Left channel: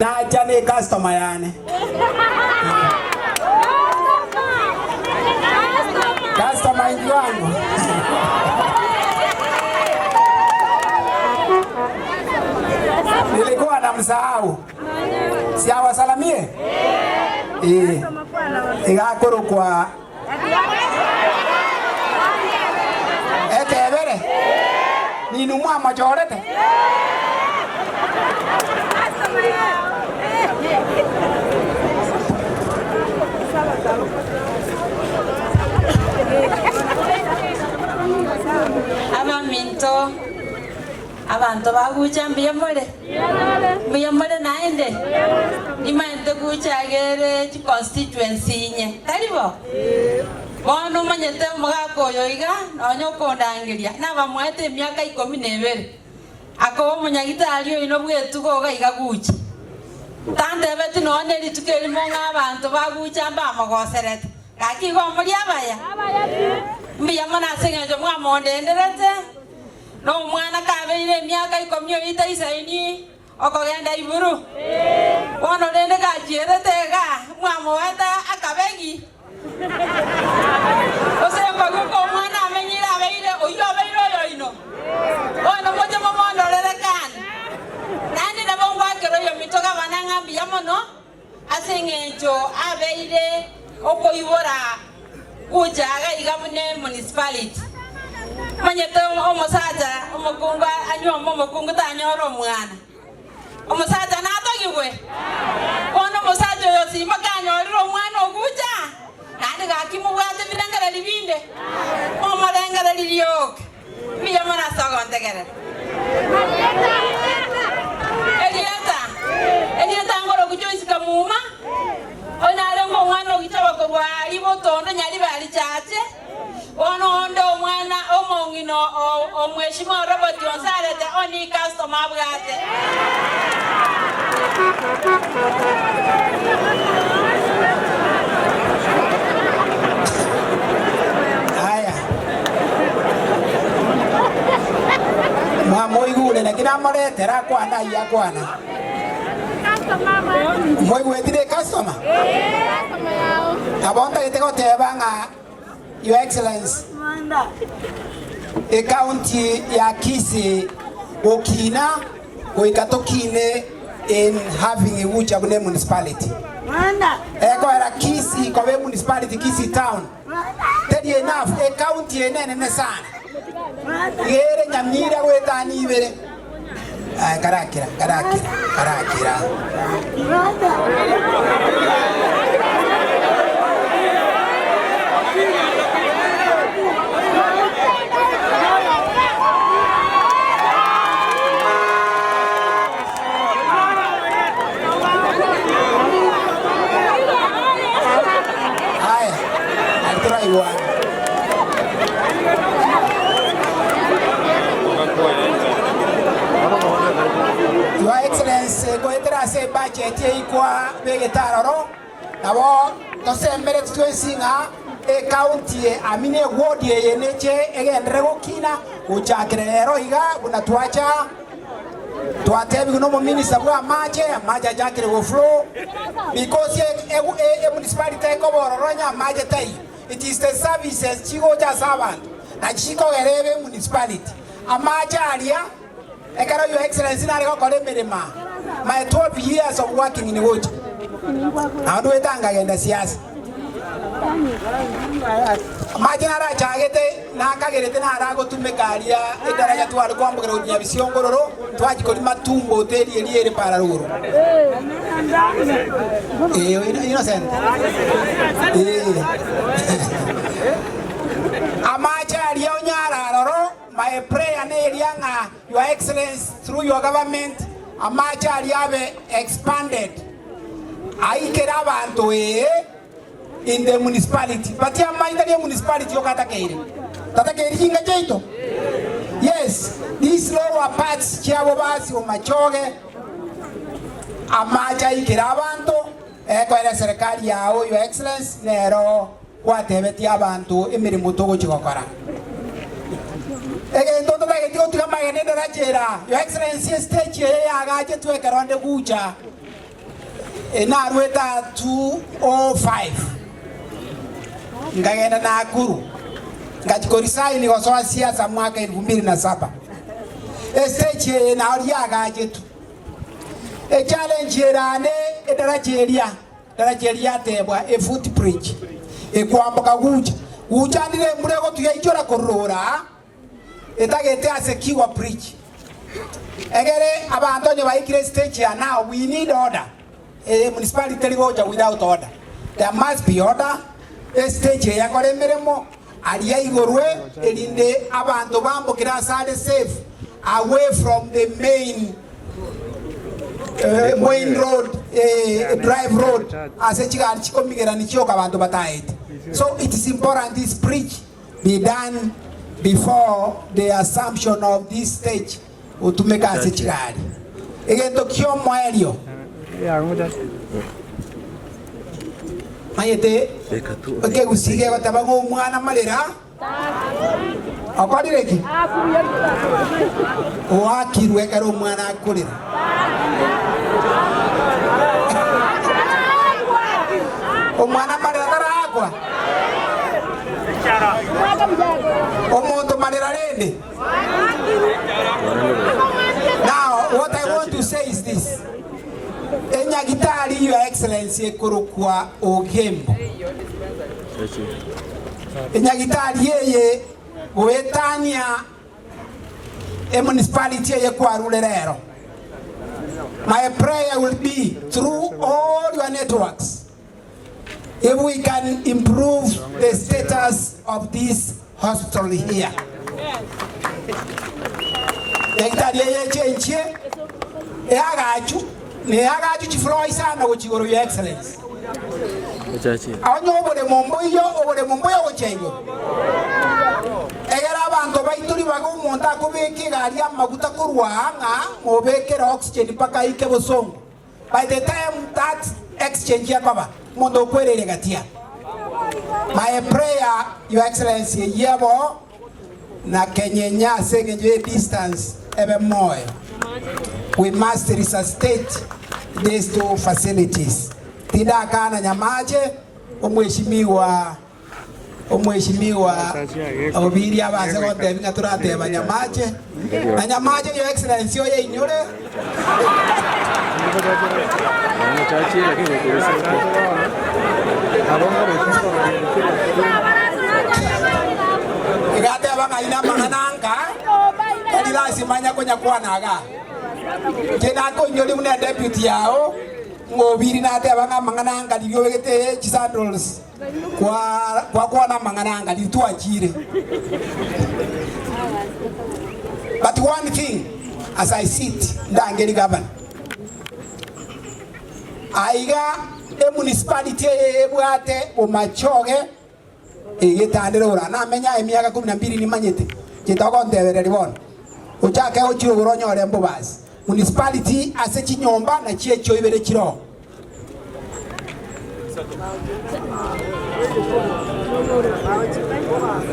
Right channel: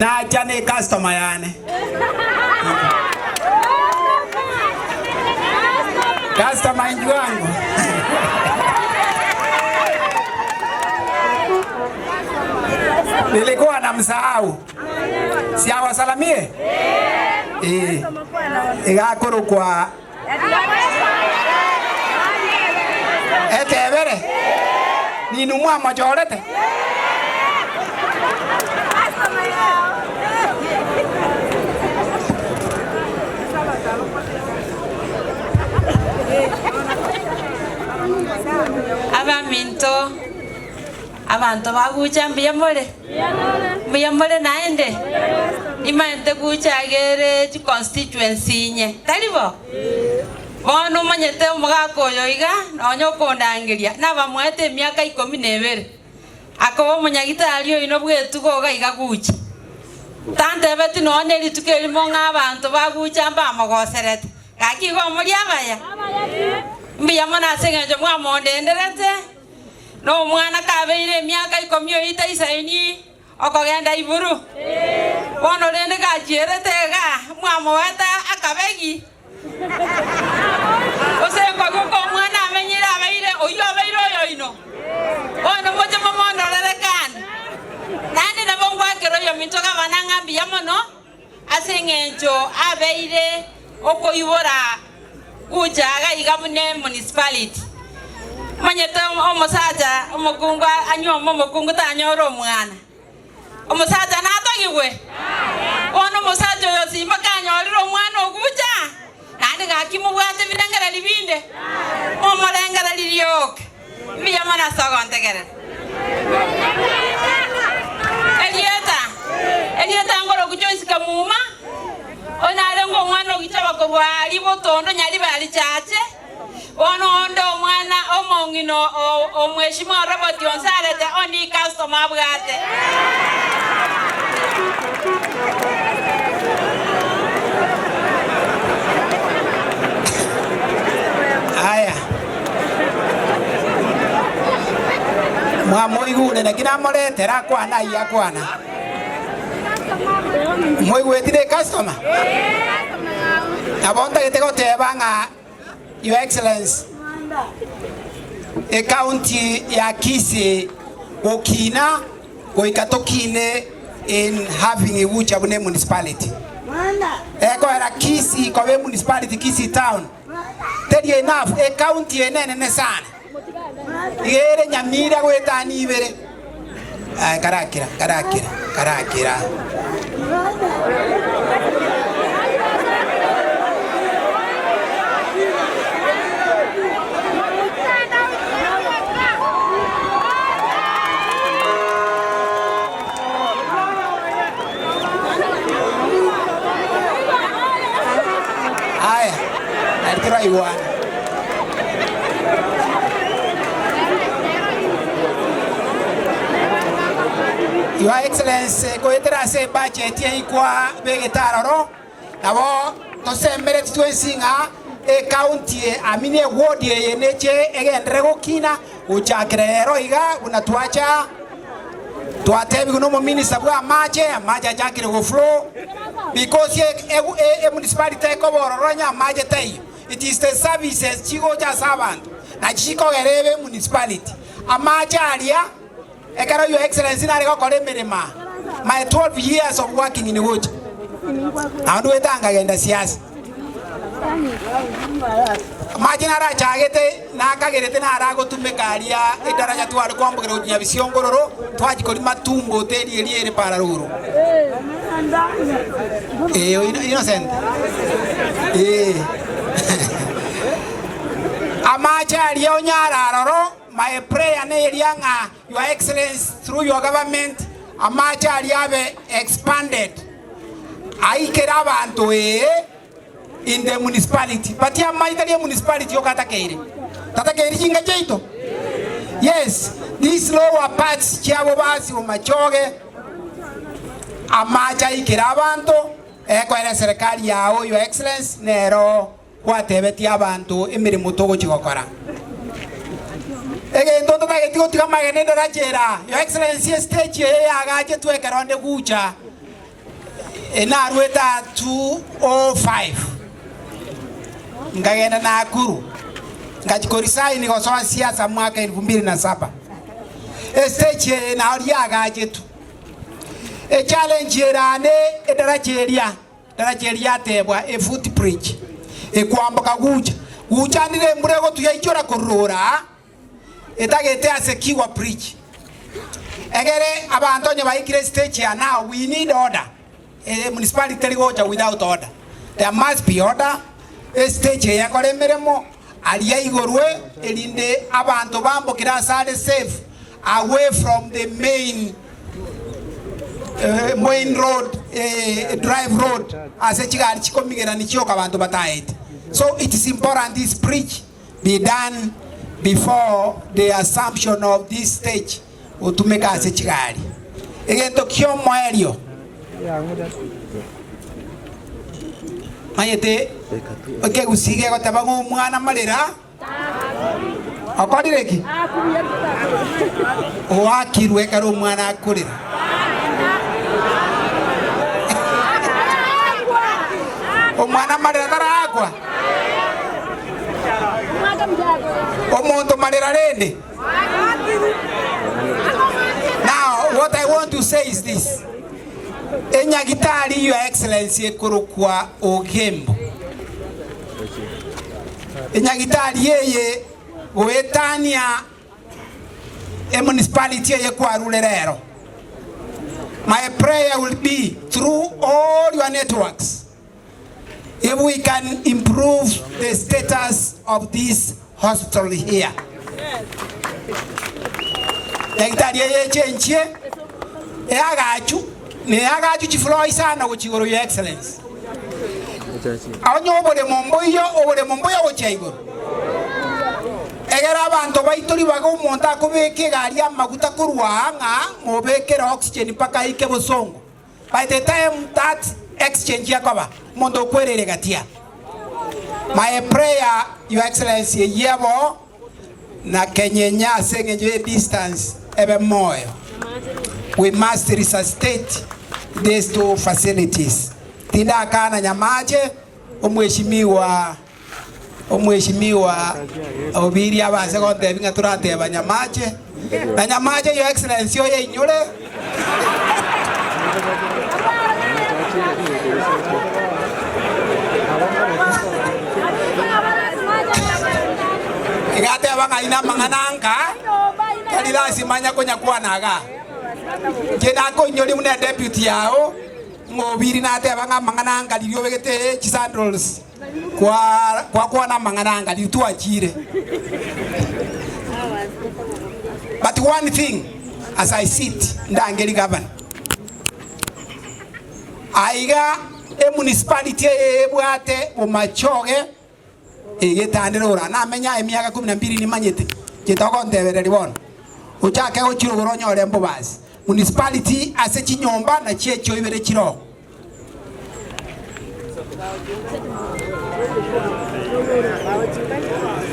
Na jane customer yani. Customer ingi wangu. Nilikuwa namsahau. Si awasalamie? Igakuru kwa Etebere. Ninumwa majorete. Abaminto abantu bagucha mbiyamole naende imante guchagere chi constituency nye talibo bono manyete umugako yoiga nonyo kondangiria nabamwete myaka 12 akobo munyagitari oino bwetugo gaiga gucha tante betu none litukeli monga abantu bagucha mbamogoserete kakigo muri abaya mbiyamona sengeje mwamonde enderete no mwana kabeire myaka 10 isaini okogenda iburu bono rende gachierete ga mwamoweta akabegi osemba guko mwana amenyira abeire oyo abeire oyoino bono moje mamono lerekana nani na bongo akero yo mitoka bananga mbiyamono asengejo abeire okoyibora kujaga igabune municipality manyete omusaja omukunga anyomo omukunga tanyoro mwana omusaja natogigwe ono musaja yosima kanyoriro mwana oguja nandi gakimubwate birengera libinde omorengera lirioke biyamana sogontegere Elieta ngoro kujoisika muma onare ngo mwana ogitaba ko bwali botondo nyali bali chache ono ndo mwana omongino omweshimwa Robert Onsarete oni customer bwate haya mwamo igule na kina morete ra kwana iya kwana moi wetire customer abonda gitego tebanga Your Excellency Monda e county ya Kisii okina koikatokine in having a Ogembo municipality Monda eko era Kisii kwa municipality Kisii town tedi enough e county enene sana yere nyamira gwetani ibere karakira Your Excellency, go etra se budget ye kwa vegetaroro nabo tosembere twensinga e county amine ward ye neche egendere gukina uchakirero iga unatwacha twatebi kuno mu minister bwa amaje jakire go flow because e municipality ko bororonya amaje tai it is the services chigo ja servant na chiko gerebe municipality amaje alia ekara Your Excellency na rego kore merema my 12 years of working in Wood adu etanga genda siasa majina ra chagete na kagerete na arago tumekaria idaraja twari kwambugera unya bisiongororo twajikori matumbo teri eliere pararuru innocent amachari onyararoro my prayer ne elianga Your Excellency through your government amachari have expanded aikera abantu in the municipality but ya maitari municipality yokatakeire jinga jeito yes these lower parts chabo basi o machoge amacha ikera abantu ekwera serikali yao Your Excellency nero kwatebeti abantu emirimo togo chigokora Ege ndoto bage tigo tiga magene ndo rachera Your Excellency stage ye agaje twekera onde gucha enarweta 205 ngagenda Nakuru ngachikorisaini kwa siasa mwaka 2007 stage na oriaga jetu challenge erane edarajeria tebwa footbridge ekwamboka guja ndire murego tuyaichora korora etagete asekiwa bridge egere abantu nye baikire stage ya now we need order. Municipality goja without order. There must be order. Stage ya koremeremo aliya igorwe elinde abantu bambokira side safe away from the main road, drive road as a chigari chikomigera nichoka abantu bataite. So it is important this bridge be done before the assumption of this stage utumeka as a chigari. Egento kyo moelio Mayete, okay, usige kwa tabago mwana malera. Akadi reki. Oakiruwe karo mwana akurira. Omwana malera kara akwa. Omonto malera rende. Now, what I want to say is this. Enyagitari, Your Excellency, kurukwa Ogembo. Enyagitari yeye wetania municipality ye kwa rulerero. My prayer will be through all your networks, if we can improve the status of this hospital here. Enyagitari yeye chenche eagachu neagachu chifloi sana kuchigoro, Your Excellency. Aonyo obole momboyo gochaigo. Egera abantu baituri bago monta kubeke gari amaguta kurwanga mobekera oxygen paka ike bosongo. By the time that exchange yakoba mondo kwerere gatia. My prayer, Your Excellency, yebo na kenyenya sengeje distance ebe moyo. We must resuscitate these two facilities. Tida kana nyamaje omweshimiwa obiri abase konde binga turate banyamaje na nyamaje, Your Excellency, oye inyure igate banga ina mangananga kalila simanya konya kwa naga kena ko nyoli mune deputy yao ngobiri nate abanga mangananga lilio wegete chisandrols kwa na mangananga litu achire. But one thing, as I sit ndangeli governor, aiga municipality ebwate omachoge egetandera na menya emiaka 12 ni manyete kitoko ndebere libona uchake ochiro goronyore mbobasi municipality ase chinyomba na chiecho ibere chiro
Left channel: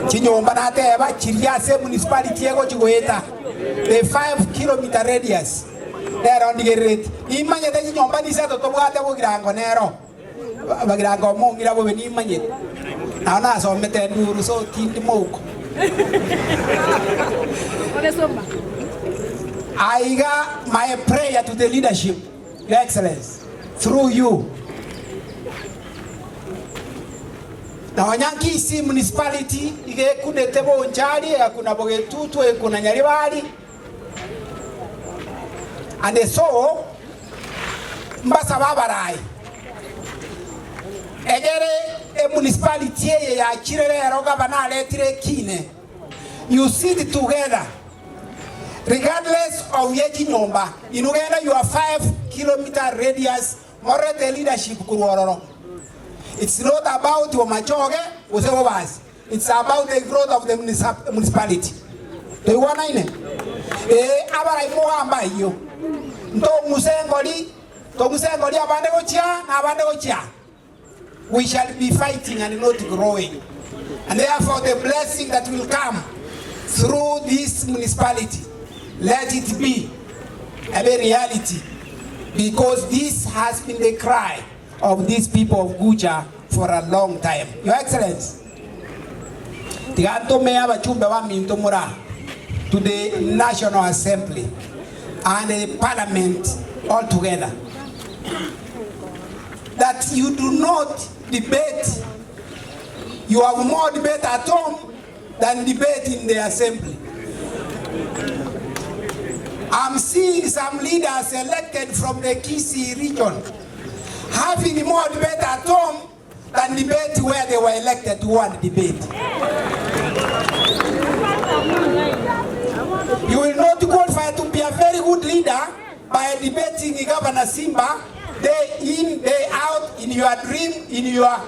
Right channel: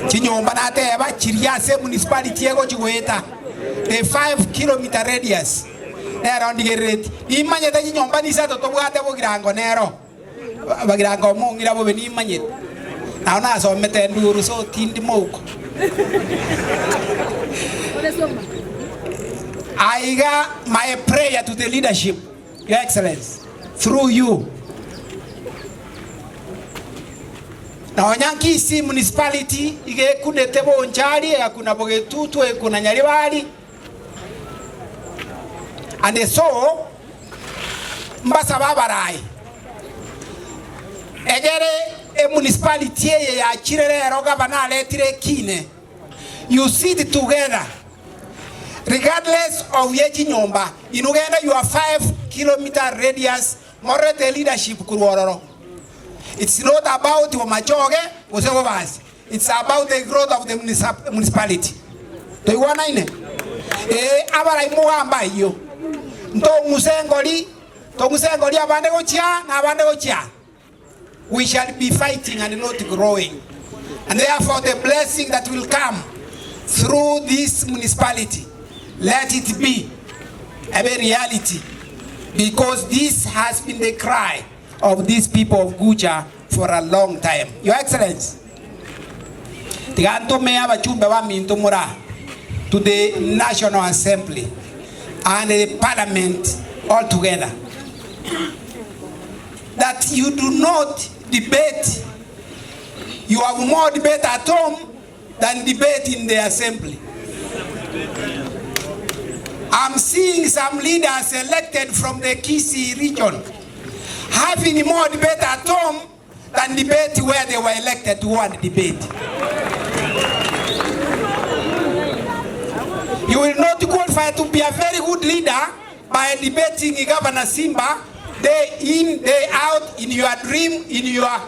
chinyomba na teba chiriase municipality ego chigoeta a 5 kilometer radius around the rate imanyete chinyomba ni sato tobwate bogirango nero bagirango mongira bo beni imanyete naona so mete nduru so tindi moko I got my prayer to the leadership, Your Excellency, through you. Now, Nyankisi municipality, ige kunetebo onchari, kuna bogetutu, kuna nyaribari. And so, mbasa babarai. Egere municipality ya chirere roga banale tire kine. You sit together. Regardless of yeji nyomba, inugenda you are 5 kilometer radius, more the leadership kurororo. It's not about Omachoge, Usegobas. It's about the growth of the municipality. Do you want to know? Abara imuamba iyo. Nto musengoli abande gochia. We shall be fighting and not growing. And therefore the blessing that will come through this municipality, let it be a reality because this has been the cry of these people of Guja for a long time. Your Excellency, to the National Assembly and the Parliament altogether, that you do not debate. You have more debate at home than debate in the Assembly. I'm seeing some leaders elected from the Kisii region having more debate at home than debate where they were elected to one debate. You will not qualify to be a very good leader by debating Governor Simba day in, day out, in your dream, in your...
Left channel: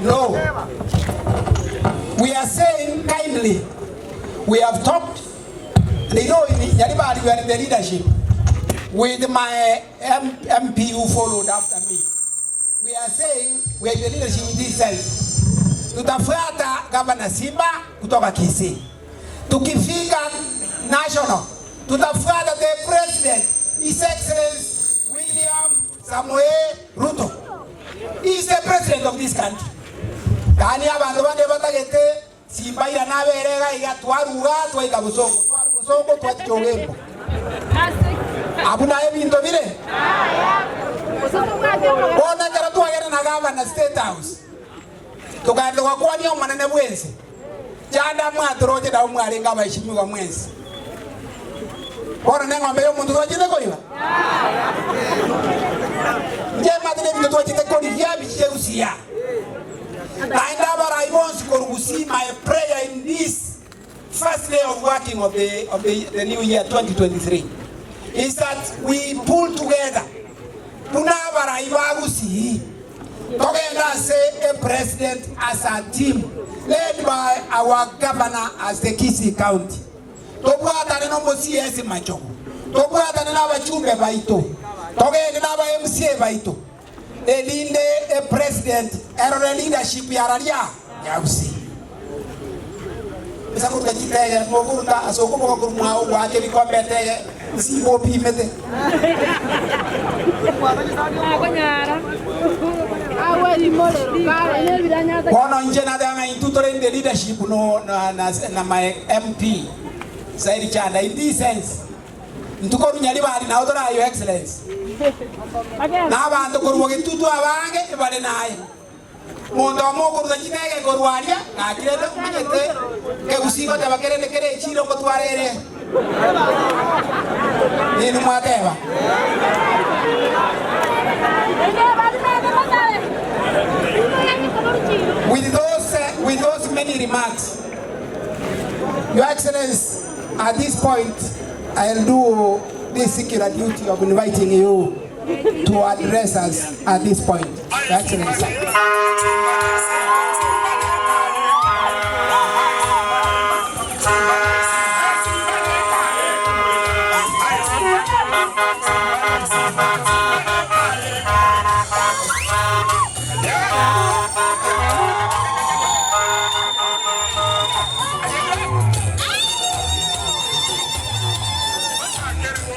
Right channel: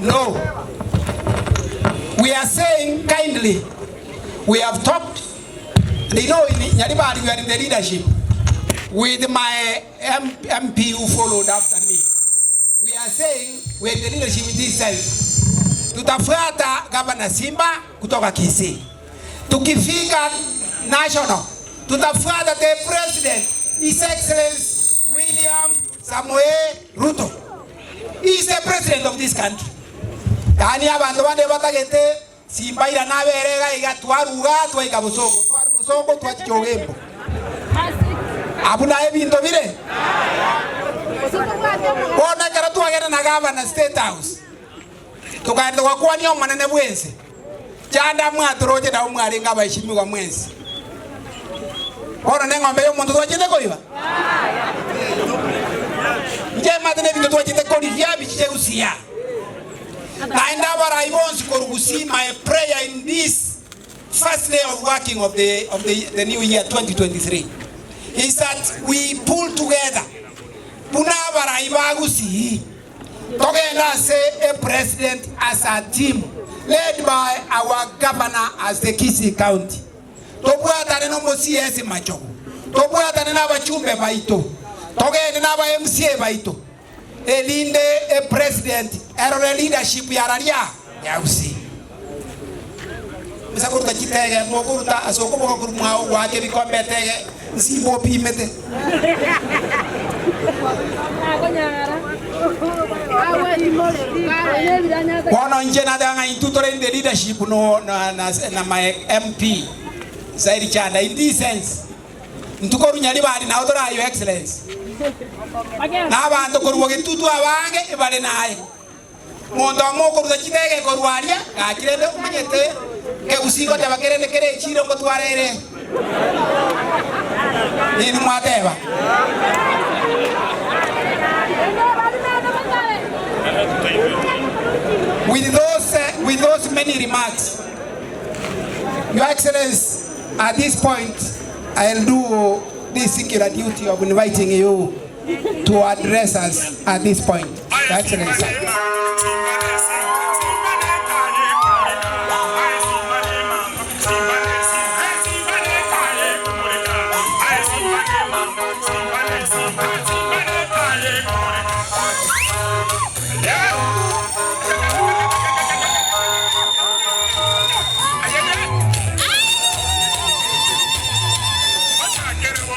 No. We are saying kindly, we have talked, you know, in Yaribari we are in the leadership with my MP who followed after me. We are saying we are in the leadership this side. Tutafuata Governor Simba kutoka Kisii. Tukifika national, tutafuata the President, His Excellency William Samuel Ruto. He is the President of this country. Tani abantu bande batagete Simba ira naberega igatwaruga twaika busongo twati Ogembo. Abuna ebinto bire. Bona kera twagera na Governor State House. Tukandi kwa ni omwana bwense. Chanda mwatoroje da omwarenga bayishimiwa mwense. Bona nengombe yo muntu twachite koiba. Njema tene binto twachite koli vyabi cheusia. My prayer in this first day of working of the new year 2023 is that we pull together. Say a president as a team led by our governor as the Kisii County. Elinde a president and a leadership yararia yausi. Isa kuruka chitege mokuruta asoko mokuruma wake bikombete si bopi mete. Kono njena danga intutore in the leadership no na my MP Zairi Chanda in this sense. Ntukoru nyalibari na odora Your Excellency. Na abantu koruge tutu abange bale naye. Monda moko rudachitege korwalia akireta kumete ke usigo tabakerele kere chiro kotwarere. Ni mateba. With those many remarks, Your Excellency, at this point I'll do this singular duty of inviting you to address us at this point. Your Excellency.